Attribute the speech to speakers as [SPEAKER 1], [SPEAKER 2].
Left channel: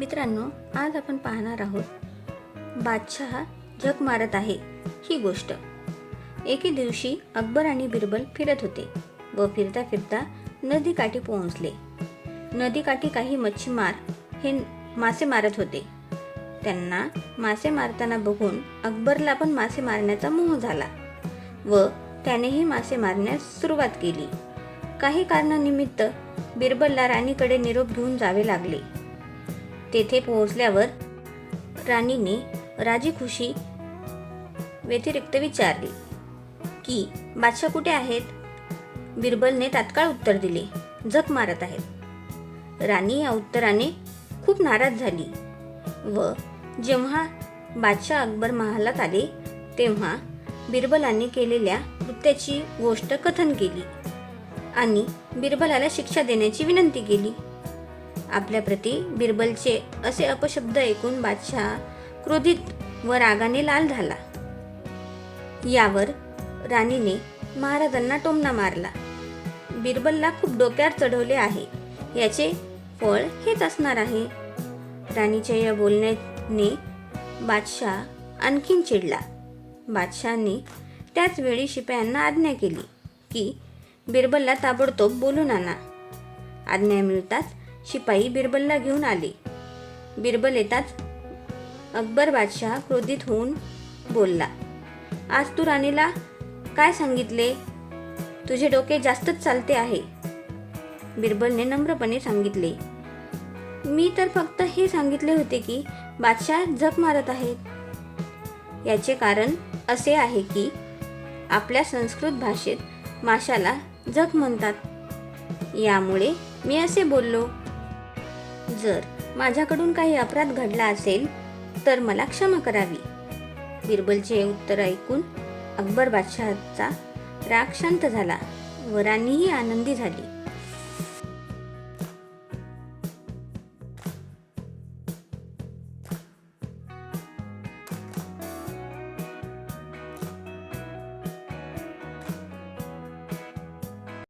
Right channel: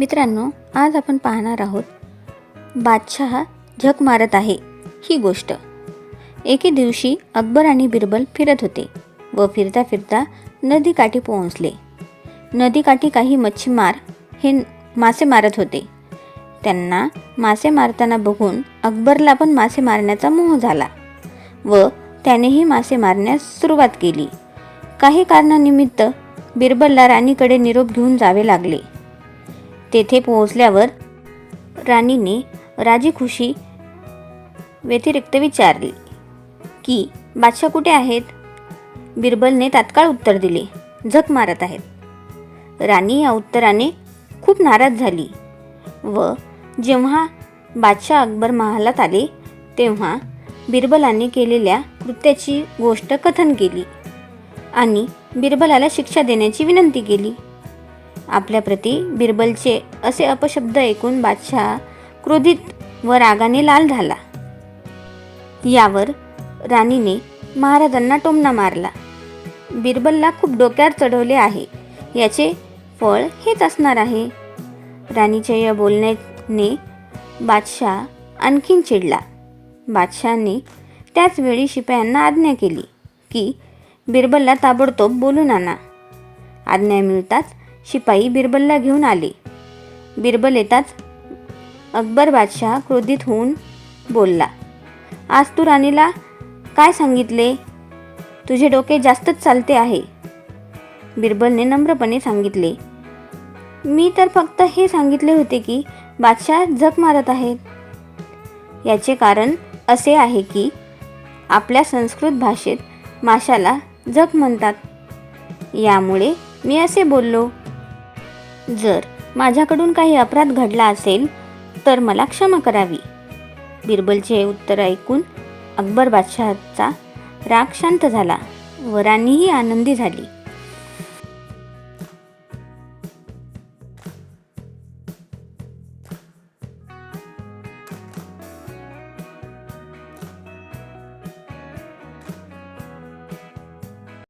[SPEAKER 1] मित्रांनो आज आपण पाहणार आहोत बादशहा झक मारत आहे ही गोष्ट. एके दिवशी अकबर आणि बिरबल फिरत होते व फिरता फिरता नदीकाठी पोहोचले. नदीकाठी काही मच्छीमार हे मासे मारत होते. त्यांना मासे मारताना बघून अकबरला पण मासे मारण्याचा मोह झाला व त्यानेही मासे मारण्यास सुरुवात केली. काही कारणानिमित्त बिरबलला राणीकडे निरोप घेऊन जावे लागले. तेथे पोहोचल्यावर राणीने राजी खुशी व्यतिरिक्त विचारले की बादशाह कुठे आहेत? बिरबलने तात्काळ उत्तर दिले झक मारत आहेत. राणी या उत्तराने खूप नाराज झाली व जेव्हा बादशाह अकबर महालात आले तेव्हा बिरबलाने केलेल्या कृत्याची गोष्ट कथन केली आणि बिरबलाला शिक्षा देण्याची विनंती केली. आपल्याप्रती बिरबलचे असे अपशब्द ऐकून बादशाह क्रोधित व रागाने लाल झाला. यावर राणीने महाराजांना टोमणा मारला. बिरबलला खूप डोक्यावर चढवले आहे. याचे फळ हेच असणार आहे. राणीच्या या बोलण्याने बादशाह आणखीन चिडला. बादशहाने त्याचवेळी शिपायांना आज्ञा केली की बिरबलला ताबडतोब बोलून आणा. आज्ञा मिळताच शिपाई बिरबलला घेऊन आले. बिरबल येताच अकबर बादशाह क्रोधित होऊन बोलला आज तू राणीला काय सांगितले? तुझे डोके जास्तच चालते आहे. बिरबलने नम्रपणे सांगितले मी तर फक्त हे सांगितले होते की बादशाह झक मारत आहेत. याचे कारण असे आहे की आपल्या संस्कृत भाषेत माशाला झक म्हणतात. यामुळे मी असे बोललो जर माझ्याकडून काही अपराध घडला असेल तर मला क्षमा करावी. बिरबलचे हे उत्तर ऐकून अकबर बादशहाचा राग शांत झाला व राणीही आनंदी झाली.